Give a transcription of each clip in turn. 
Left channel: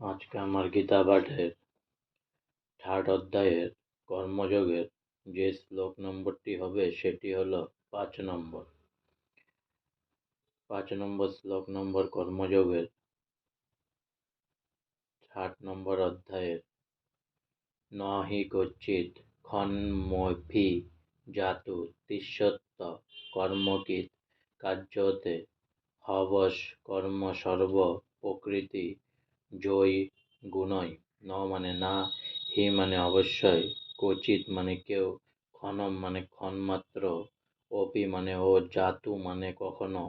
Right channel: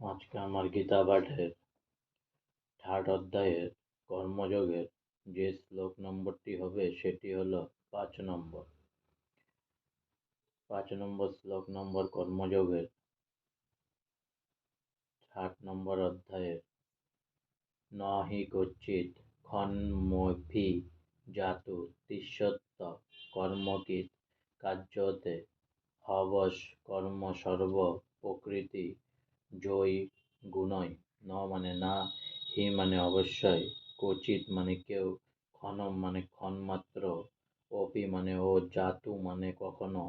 আজকে আমার গীতা পাঠের থার্ড অধ্যায়ের কর্মযোগের যে শ্লোক নম্বরটি হবে সেটি হলো 5 নম্বর। 5 নম্বর শ্লোক নম্বর কর্মযোগের 8 নম্বর অধ্যায়ের ন হি কচ্চিৎ ক্ষণমপি জাতু তিষ্ঠত্য কর্মকৃৎ কার্যতে হবস কর্ম সর্ব প্রকৃতি জয়ী গুণই। ন মানে না, হি মানে অবশ্যই, কচিৎ মানে কেউ, ক্ষণম মানে ক্ষণমাত্র, অপি মানে ও, জাতু মানে কখনো,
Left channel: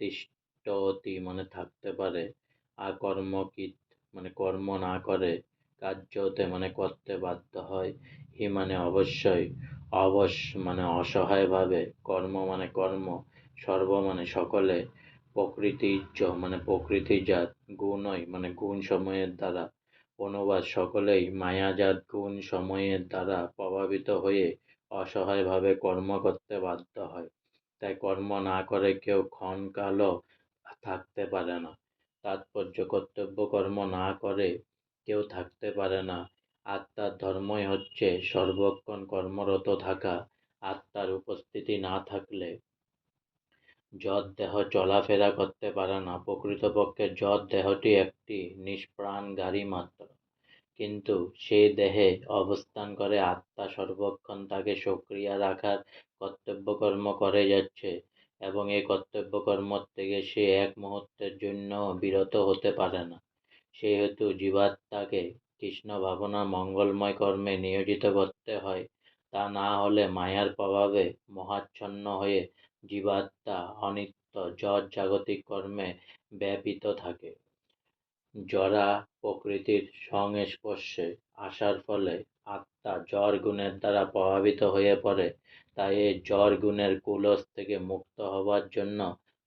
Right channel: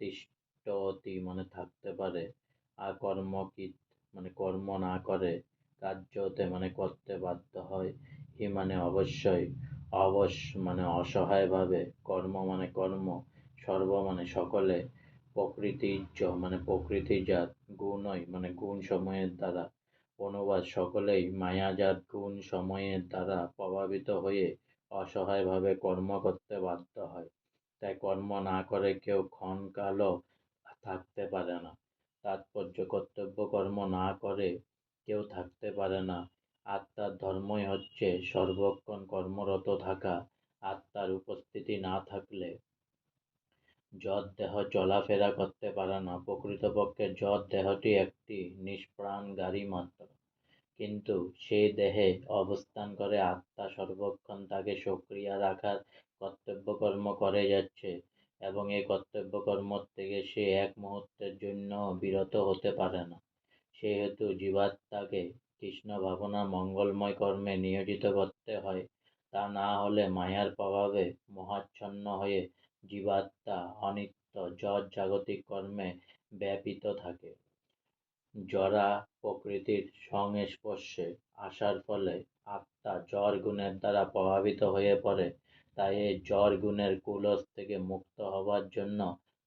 তিষ্ঠতি মানে থাকতে পারে, আকর্মকৃৎ মানে কর্ম না করে, কার্যতে মানে করতে বাধ্য হয়, হি মানে অবশ্যই, অবশ মানে অসহায়ভাবে, কর্ম মানে কর্ম, সর্ব মানে সকলে, প্রকৃতিজ মানে প্রকৃতিজাত, গুণই মানে গুণ সময়ের দ্বারা, অনুবাদ সকলেই মায়াজাত গুণ সময়ের দ্বারা প্রভাবিত হয়ে অসহায়ভাবে কর্ম করতে বাধ্য হয়। তাই কর্ম না করে কেউ ক্ষণকালও থাকতে পারে না। তাৎপর্য, কর্তব্য কর্ম না করে কেউ থাকতে পারে না। আত্মার ধর্মই হচ্ছে সর্বক্ষণ কর্মরত থাকা। আত্মার উপস্থিতি না থাকলে যদ দেহ চলাফেরা করতে পারে না। প্রকৃতপক্ষে যদ দেহটি একটি নিষ্প্রাণ গাড়ি মাত্র, কিন্তু সেই দেহে অবস্থান করে আত্মা সর্বক্ষণ তাকে সক্রিয় রাখার কর্তব্যকর্ম করে যাচ্ছে, এবং এই কর্তব্যকর্ম থেকে সে এক মুহূর্তের জন্য বিরত হতে পারে না। সেহেতু জীবাত্মাকে কৃষ্ণ ভাবনা মঙ্গলময় কর্মে নিয়োজিত করতে হয়। তা না হলে মায়ার প্রভাবে মোহাচ্ছন্ন হয়ে জীবাত্মা অনিত্য জড় জাগতিক কর্মে ব্যাপৃত থাকে। জড়া প্রকৃতির সংস্পর্শে আসার ফলে আত্মা জড় গুণের দ্বারা প্রভাবিত হয়ে পড়ে। তাই এই জড় গুণের কুলস থেকে মুক্ত হবার জন্য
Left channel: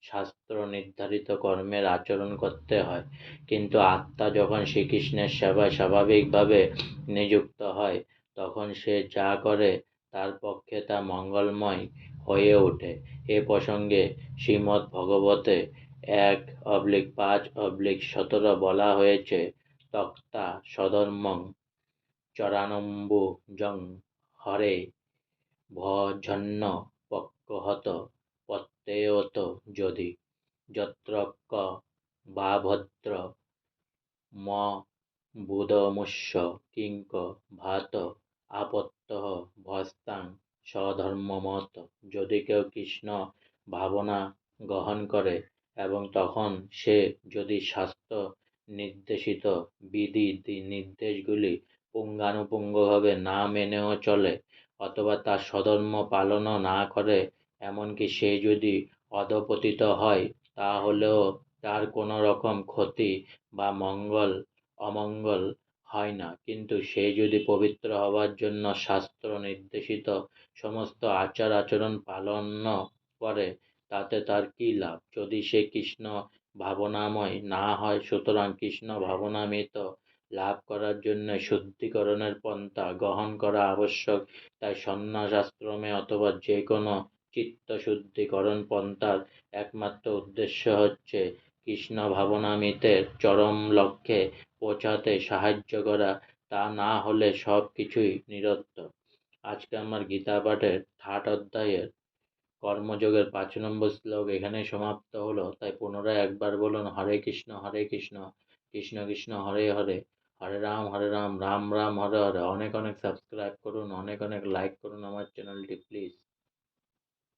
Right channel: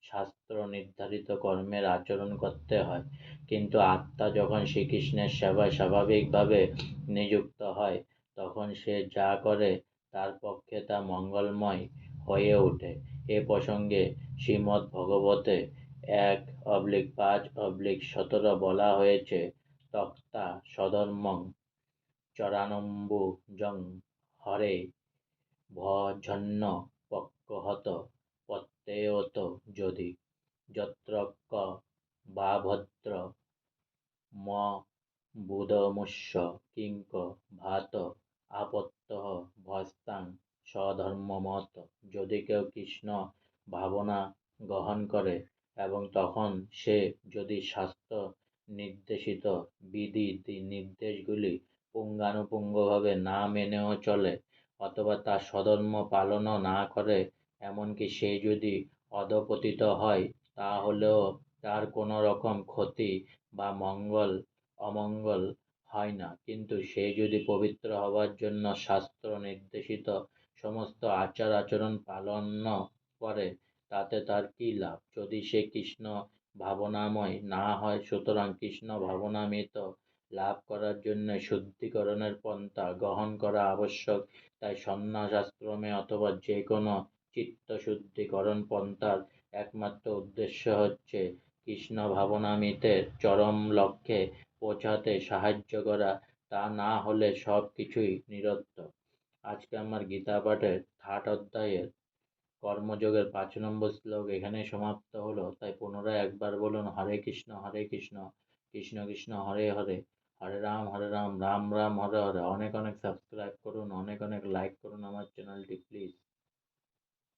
শাস্ত্র নির্ধারিত কর্মের আচরণ করতে হয়। কিন্তু আত্মা যখন শ্রীকৃষ্ণের সেবায় স্বাভাবিকভাবে নিযুক্ত হয়, তখন সে যা করে তার পক্ষে তা মঙ্গলময় হয়ে ওঠে। এ প্রসঙ্গে শ্রীমদ্ ভগবতে 1/5/17 বলা হয়েছে, তক্তা সধর্মং চরানম্বুজং হরে ভজন্য পক্ষহত প্রত্যয়ত যদি যত্রক্ক বা ভদ্র ম বুধমুষ্য কিঙ্ক ভাত আপত্যঃ ভস্তাং স্বধর্মমত। যদি কেউ কৃষ্ণ ভাবনা গ্রহণ করে এবং তখন সে যদি শাস্ত্র নির্দেশিত বিধি নির্দেশগুলি পুঙ্খানুপুঙ্খভাবে না মেনেও চলে, অথবা তার স্বধর্ম পালনও না করে, এমনকি সে যদি অধঃপতিত হয়, তাহলেও তার কোনো রকম ক্ষতি বা অমঙ্গল হয় না। কিন্তু সে যদি পবিত্র হবার জন্য শাস্ত্র নির্দেশিত সমস্ত আচার আচরণ পালন করে, তাতে তার কী লাভ? যদি সে কৃষ্ণ ভাবনাময় না হয়। সুতরাং কৃষ্ণ ভাবনামৃত লাভ করার জন্য শুদ্ধিকরণের পন্থা গ্রহণ করা আবশ্যক। তাই সন্ন্যাস আশ্রমে অথবা যে কোনো চিত্তশুদ্ধিকরণ পন্থার একমাত্র উদ্দেশ্য হচ্ছে কৃষ্ণ ভাবনামৃতের চরম লক্ষ্যে পৌঁছাতে সাহায্য করা। তা না হলে সব কিছুই নিরর্থক। আজকে আমার গীতা পাঠের থার্ড অধ্যায়ের কর্মযোগের 5 নম্বর শ্লোক এখানেই সমাপ্ত হলো। তাই পুনরায় একবার বলুন, হরে কৃষ্ণ কৃষ্ণ কৃষ্ণ হরে হরে, হরে রাম রাম রাম হরে হরে। অনেক অনেক সাবস্ক্রাইব করুন, অনেক অনেক লাইক করুন আমার চ্যানেলটি প্লিজ।